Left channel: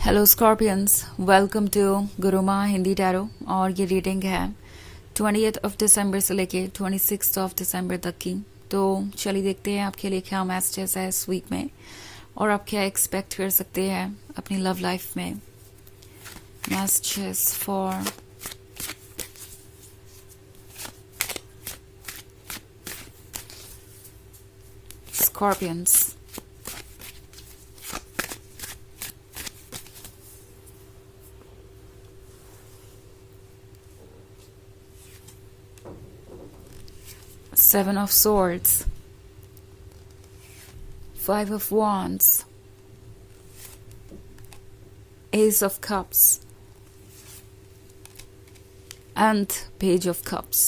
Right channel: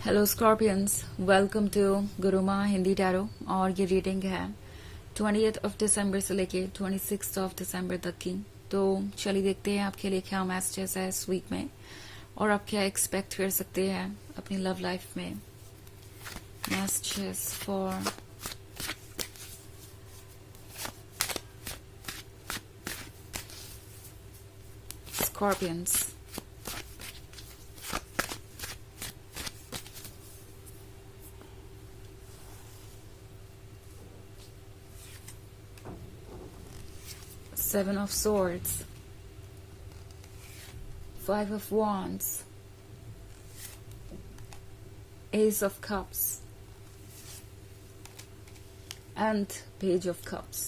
Hello Scorpions, welcome to Guruma Hindi tarot. और ये reading है 20 दिसंबर से लेके 26 दिसंबर तक की। तो चलिए देखते हैं आपके लिए क्या मैसेजेस है इस वीक में और आप क्या एक्सपेक्ट कर सकते हैं अपनी लव लाइफ में। Messages for scorpions. Seven of Swords, Five of Wands, Ace of Cups, and Page of Cups.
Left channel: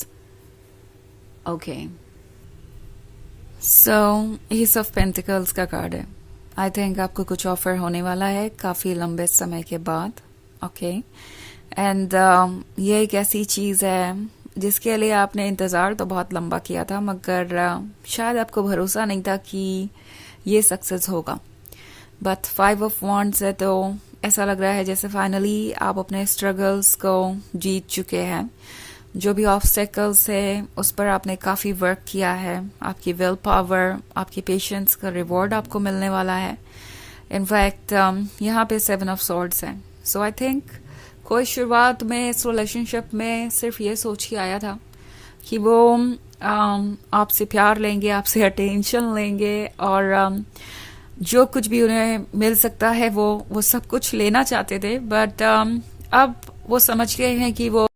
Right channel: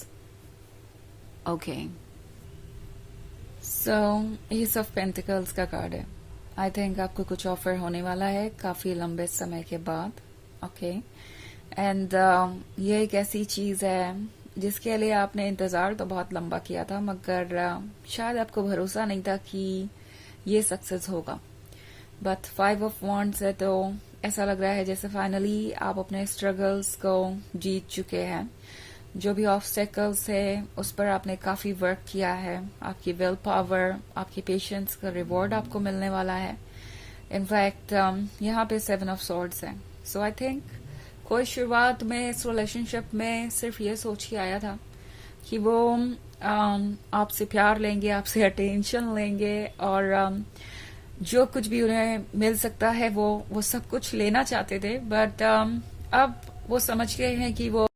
Okay. So, Ace of Pentacles का कार्ड है। आई थिंक आपको कुछ ऑफर होने वाला है काफी लंबे समय के बाद। ओके एंड ये एक ऐसी चीज है जिसके लिए आपने इंतजार तो बहुत लंबा किया था, मगर शायद आपको भरोसा नहीं था कि ये सक्सेस होगा। बट 5 of Wands है तो ऐसा लग रहा है जैसे फाइनली आप अपने स्ट्रगल्स को जीत चुके हैं। जो भी ऑब्स्टेकल्स है उस पर आपने काफी वर्क किया है। आपकी विल पावर, आपकी पेशेंस का रिवॉर्ड आपको मिलने वाला है। इनफैक्ट यहाँ पे 7 of Swords है। सो आई थिंक कोई शुरुआत में इस रिलेशनशिप में सिर्फ ये सोच के आया था कि वो आपसे प्यार लेंगे, आपसे अटेंशन लेंगे और जो कुछ भी उन्हें मिल सकता है वो सब कुछ लेना चाहते थे। बट अब वो समझ गए हैं कि वो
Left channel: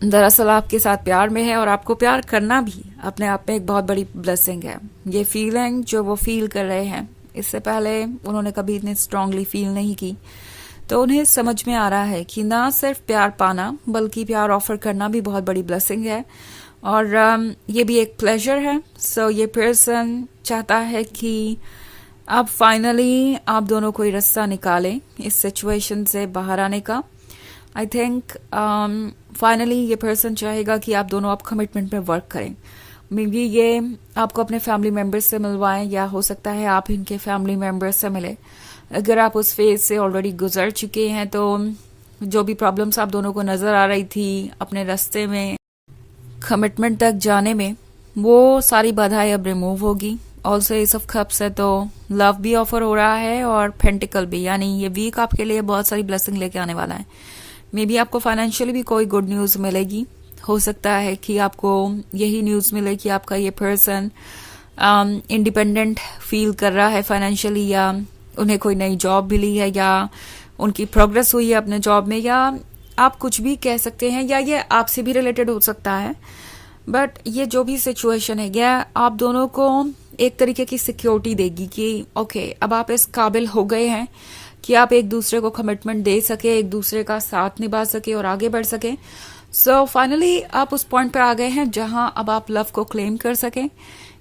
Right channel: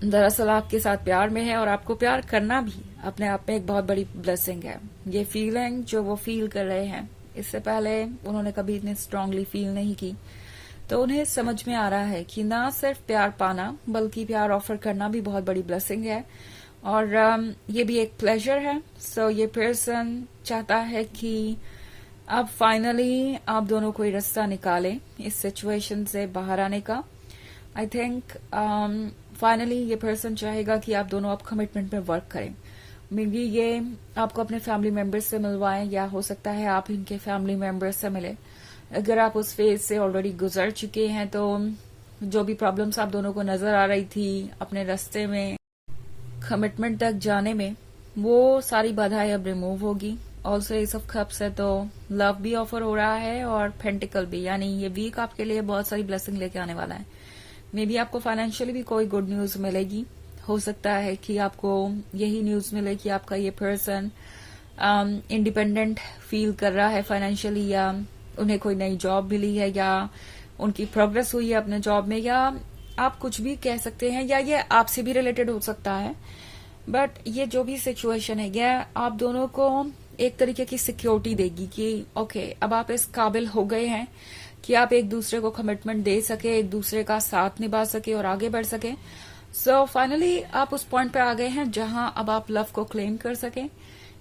दरअसल आपके साथ प्यार में है और आपको प्यार करना भी अपने आप में एक बहुत बड़ी ब्लेसिंग है। ये फीलिंग जो वो फील कर रहे हैं इससे पहले उन्होंने कभी इतनी स्ट्रांगली फील नहीं की। तो उन्हें समझ में आ रहा है कि ना सिर्फ प्यार पाना बल्कि प्यार ऑफर करना भी बहुत बड़ी ब्लेसिंग है और ये भी एक प्लेजर है। सो ये पर्सन चाहता है कि अब फाइनली आप दोनों कोई रास्ता निकालें इस सिचुएशन से बाहर आने का। आई थिंक फाइनली ये पर्सन चाहेगा कि आप दोनों आप कमिटमेंट में वर्क करें। मे बी ये आपको अपने फैमिली मेंबर्स से मिलवाएं या हो सकता है आप इनके फैमिली मेंबर्स से मिले। अगर आप उस फेज से ऑलरेडी गुजर चुके हैं तो जो भी प्रॉब्लम्स आप दोनों को नजर आ रही थी अपने रास्ते में कमिटमेंट तक जाने में, वो सारी बाधाएं अब रिमूव होगी। ऑल्सो एस ऑफ कप्स है तो लव भी ऑफर हो रहा है और पेंटिकल भी, यानी ये वीक आपके लिए बहुत सारी ब्लेसिंग लेके आने वाला है। मे बी आपको फाइनेंशियली भी कोई गुड न्यूज मिलेगी। हो सकता है कि आपको यही न्यूज मिले कि आपका ये पर्सन इंडिपेंडेंट फील कर रहा है फाइनेंशियली, या उन्हें कोई नई जॉब मिली है, या उनकी प्रोग्रेस हुई है अपने जॉब में, या आप कुछ भी कह सकते हैं, या ये आपसे भी रिलेटेड हो सकता है। बट ये जो भी सिचुएशन है यह आप दोनों को एक तरीके की सिक्योरिटी देगी कि ओके अब आप इस काबिल हो गए हैं कि आप एक दूसरे को कमिटमेंट दे सके, एक दूसरे का साथ निभा सके और आगे बढ़ सके। सो फाइनली आप उस पॉइंट पर आ गए हैं जहां अब आप लव को क्लेम कर सकें।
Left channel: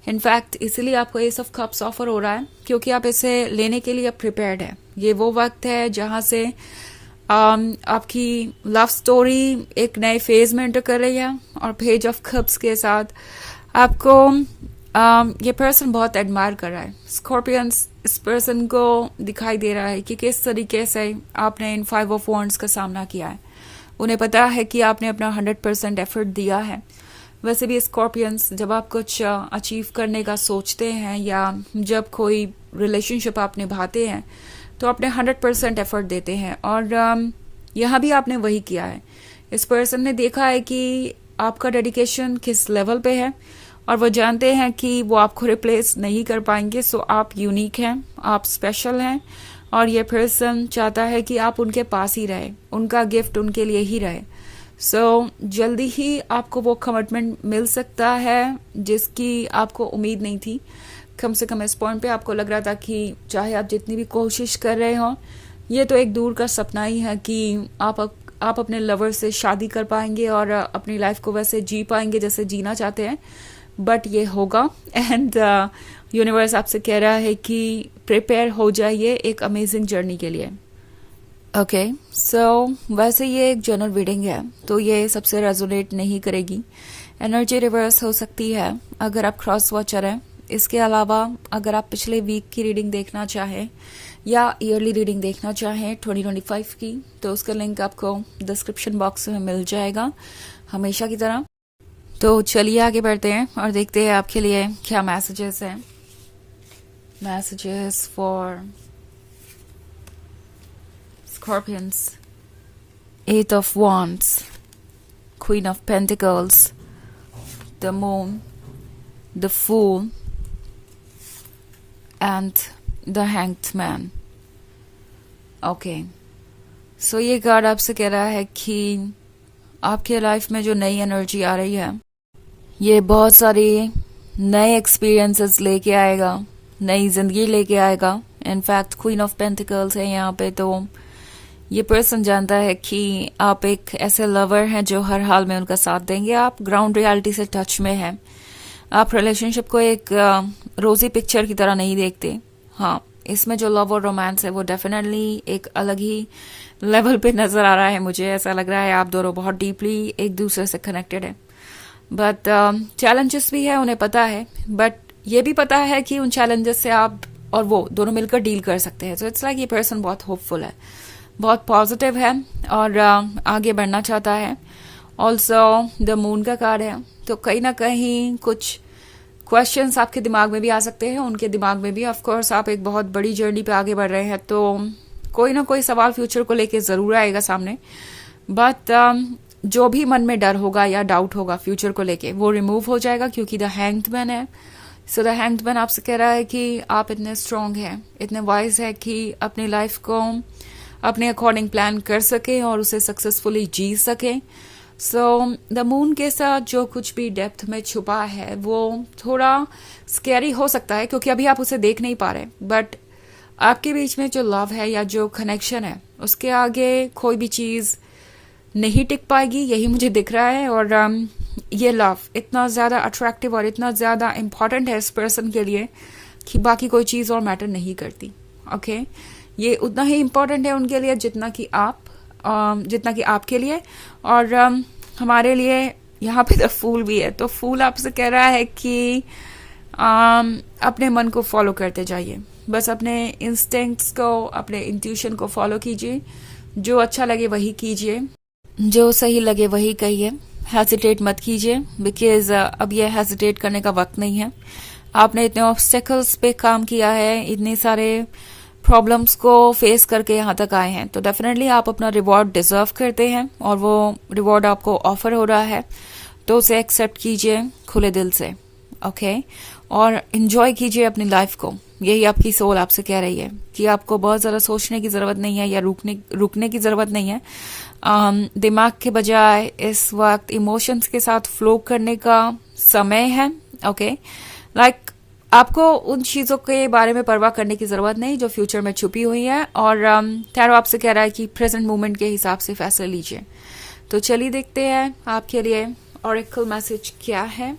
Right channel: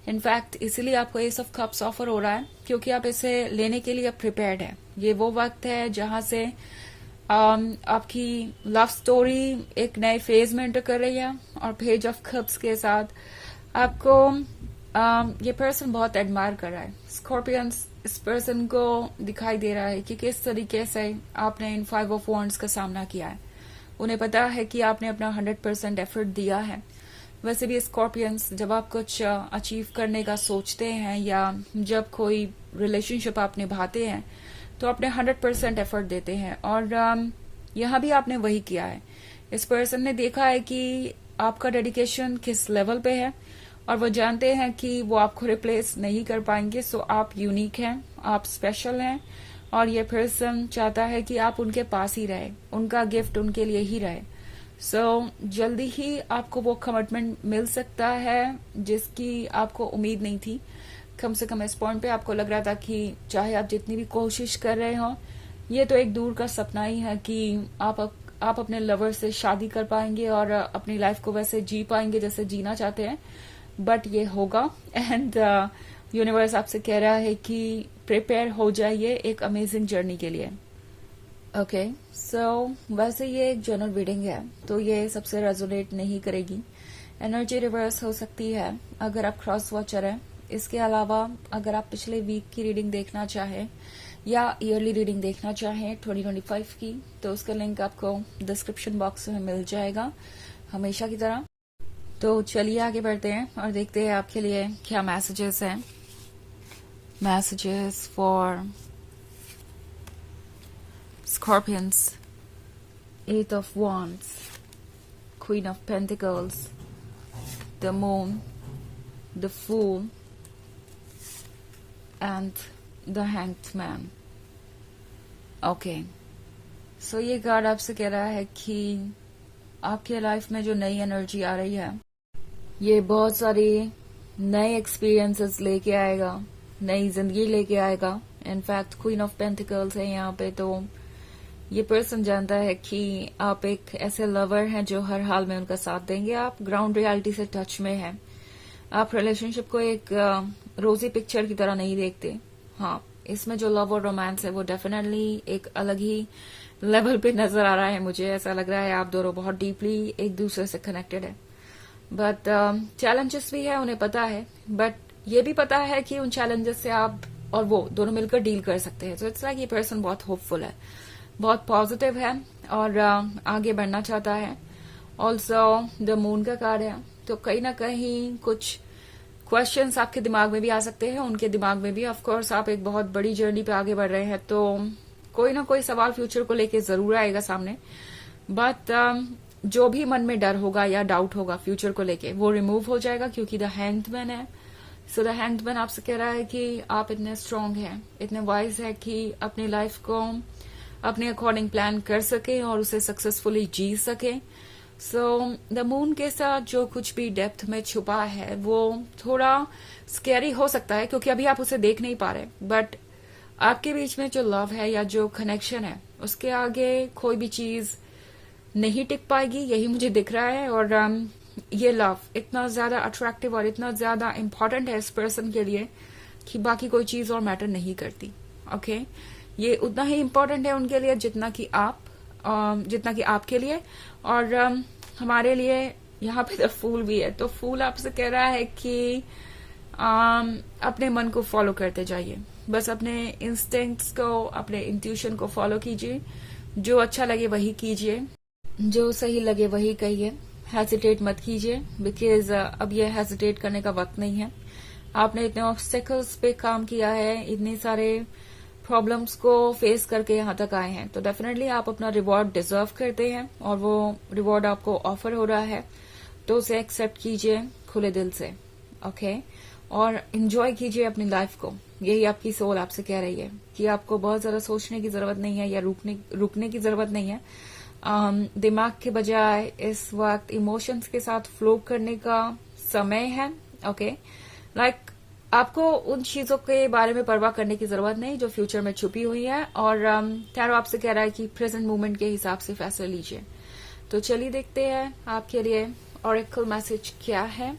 इनफैक्ट इसलिए आपको एस ऑफ कप्स ऑफर हो रहा है क्योंकि आप इसे लेने के लिए प्रिपेयर्ड है। ये वो वक्त है जहां से आपकी लव स्टोरी एक नए फेज में एंटर कर रही है और पेज ऑफ कप्स के साथ आपको ये पर्सन बहुत एडमायर कर रहा है। स्कॉर्पियंस इस पर्सन को दिखाई दे रहा है कि किस तरीके से आपने इन 5 of Wands का सामना किया है। उन्हें पता है कि आपने अपना 100% एफर्ट दिया है। वैसे भी स्कॉर्पियंस जब आप कुछ अचीव करने का सोचते हैं या जब कोई रिलेशनशिप आप निभाते हैं तो अपने 100% एफर्ट देते हैं और यहाँ भी आपने वही किया है। इस पर्सन ने देखा है कि आपका डेडिकेशन किस लेवल पे है और वो जानते हैं कि वो आपको रिप्लेस नहीं कर पाएंगे। सो आप यूनिक हैं, आप स्पेशल हैं और ये पर्सन चाहता है कि आप उनके पास ही रहे, उनका गिफ्ट उनके लिए ही रहे। सो जल्दी ही आपको वो कमिटमेंट मिल सकता है जिसकी आपको उम्मीद नहीं थी। कम से कम इस पॉइंट पे आपको लग रहा था कि चाहे आप जितनी भी कोशिश कर रहे हो ये तो एक दूर का सपना ही है कि आप अपने लवर से शादी कर पाएंगे और अपनी लाइफ को वैसे जी पाएंगे जैसे जीना चाहते हैं। बट ये होगा एंड यूनिवर्स आपसे कह रहा है कि प्रिपेयर हो जाइए एक अमेजिंग जर्नी के लिए। ओके सो वैसे ये एक जनरल रीडिंग है तो ये सबसे रेजोनेट नहीं करेगी। एनर्जी रिवर्स हो सकती है अगर आप क्रॉस वॉचर हैं। इसके अलावा अगर आप पिछले वीक की रीडिंग देखना चाहें या ईयरली रीडिंग देखना चाहें 2025 की, तो उसका लिंक आपको डिस्क्रिप्शन बॉक्स में मिल जाएगा हमेशा की तरह। तो चलिए आगे बढ़ते हैं और देखते हैं आपके लिए क्या मैसेजेस हैं। Messages for scorpions, 8 of Wands, Queen of Pentacles, the Moon, the Fool, and the Hanged Man. Okay. So ये कार्ड आपसे कह रहा है कि आपके लाइफ में जो नई एनर्जी आ रही है, ये बहुत सारी नए एक्सपीरियंसेस लेके आएगा, नई जिंदगी लेके आएगा। इनफैक्ट क्वीन ऑफ पेंटिकल्स है यहाँ पे, तो ये पर्सन जानता है कि आप एक ऐसे लवर हैं जो हर हाल में उनका साथ देंगे। आप ग्राउंड रियलिटी से टच में हैं। आप रिलेशनशिप को एक रोजी पिक्चर की तरह नहीं देखते। हाँ, इसमें जो लव और रोमांस है वो डेफिनेटली एक अलग ही लेवल पे नजर आ रहा है। मुझे ऐसा लग रहा है आप दोनों बहुत डीपली एक दूसरे से कनेक्टेड है। बट चैलेंजेस भी है, उन्हें पता है, बट ये भी पता है कि उन चैलेंजेस से आप और वो दोनों मिलकर डील कर सकते हैं। तो इट्स लाइक ये पर्सन बहुत होपफुल है, बहुत पॉजिटिव है और आगे बढ़ना चाहता है। ऑल्सो द मून का कार्ड है, तो कहीं ना कहीं कुछ क्वेश्चंस आपके दिमाग में भी आ सकते हैं, उनके दिमाग में भी। ऑफ कोर्स आप एक बहुत बड़ी जर्नी पे आगे बढ़ रहे हैं, तो कोई ना कोई सवाल फ्यूचर को लेके जरूर आएगा सामने। बट जो भी मन में डर होगा या डाउट होगा फ्यूचर को लेके, वो रिमूव हो जाएगा क्योंकि द हैंग्ड मैन है। सो द हैंग्ड मैन आपसे कह रहा है कि आप इतने स्ट्रांग हैं, इतने वाइज है कि अपनी लाइफ को अपने अकॉर्डिंग प्लान कर सके और उसे सक्सेसफुली जी सके। सो द मून के साथ जो कुछ भी डेप्थ में छुपा है वो थोड़ा स्कैरी हो सकता है क्योंकि अभी आप उसे देख नहीं पा रहे, बट आपके बीच में जो लव है या जो कनेक्शन है उसके आगे कोई भी चीज नहीं टिक पाएगी, यही मुझे दिख रहा है। और ये लव इतना ज्यादा अट्रैक्टिव और इतना ज्यादा इंपॉर्टेंट है इस पर्सन के लिए कि बाकी कोई चीज और मैटर नहीं करती। ओके, ये उतना ही इम्पोर्टेंट है उनके लिए जितना कि आपके लिए। और हमारे लिए यहाँ पे द फूल भी है, तो फूल आपसे कह रहा है कि अपने मन को फॉलो करते जाइए, बस अपने इंस्टिंक्ट्स को, अपने इंट्यूशन को फॉलो कीजिए। जो अच्छा लगे वही कीजिए, जो सही लगे वही कहिए। हेजिटेट मत कीजिए, बिकॉज अब ये हेजिटेट करने का वक्त नहीं है। आपने इतने ऑब्स्टेकल्स पे काम किया है, इतने सारे प्रॉब्लम्स को फेस करके यहाँ तक आए हैं, तो डेफिनेटली आप अपना रिवॉर्ड डिजर्व करते हैं और वो रिवॉर्ड आपको ऑफर हो रहा है, तो उसे एक्सेप्ट कीजिए खुले दिल से। ओके, और एंजॉय कीजिए अपनी लाइफ को। यही आपकी सोल आपसे कह रही है कि आपको बहुत ज्यादा सोचने की जरूरत नहीं है या रुकने की जरूरत नहीं है। दिमाग के बजाय इस वक्त इमोशंस के साथ फ्लो करने का समय है। ओके, लाइक आपको उन चीजों के बारे में परवाह करने की जरूरत नहीं जो फ्यूचर में छुपी हुई है। और टैरो आपसे कह रहा है कि प्रेजेंट मोमेंट के हिसाब से फैसले लीजिए। तो चलिए देखते हैं आपके लिए ऑरेकल मैसेज क्या है।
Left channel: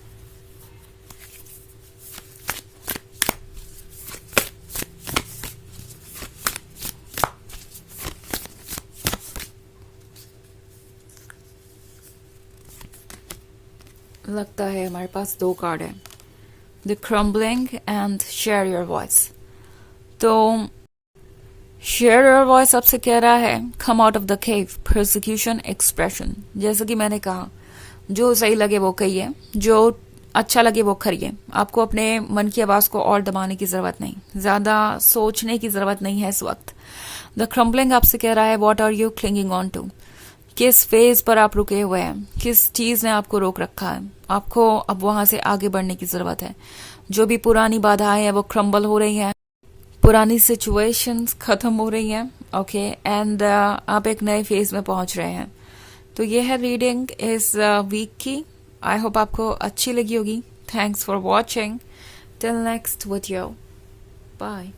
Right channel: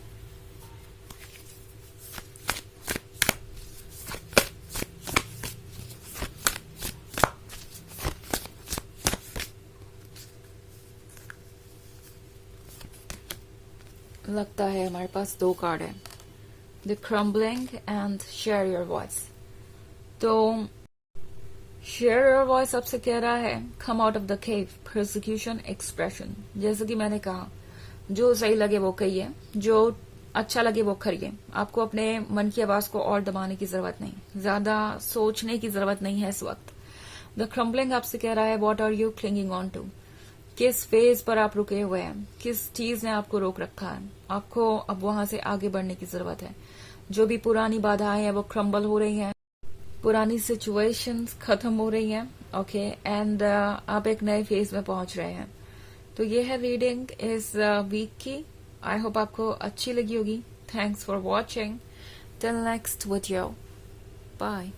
लगता है हमारे पास दो कार्ड है, the crumbling and share your voice. तो शेयर योर वॉइस आपसे कह रहा है come out of the cave, prosecution, expression. जैसे कि मैंने कहा, जो सही लगे वो कहिए, जो अच्छा लगे वो करिए। आपको अपने मन की आवाज को और दबाने की जरूरत नहीं, ज्यादा सोचने की जरूरत नहीं है इस वक्त। द क्रम्बलिंग आपसे कह रहा है what are you clinging on to, किस फेज पर आप रुके हुए हैं, किस चीज ने आपको रोक रखा है। आपको अब वहां से आगे बढ़ने की जरूरत है। जो भी पुरानी बाधाएं हैं वो क्रम्बल हो रही हैं, पुरानी सिचुएशंस खत्म हो रही हैं। ओके, एंड आप एक नए फेज में पहुंच रहे हैं। तो ये है रीडिंग इस वीक की। आई होप आपको अच्छी लगी होगी। Thanks for watching. Till next video, bye.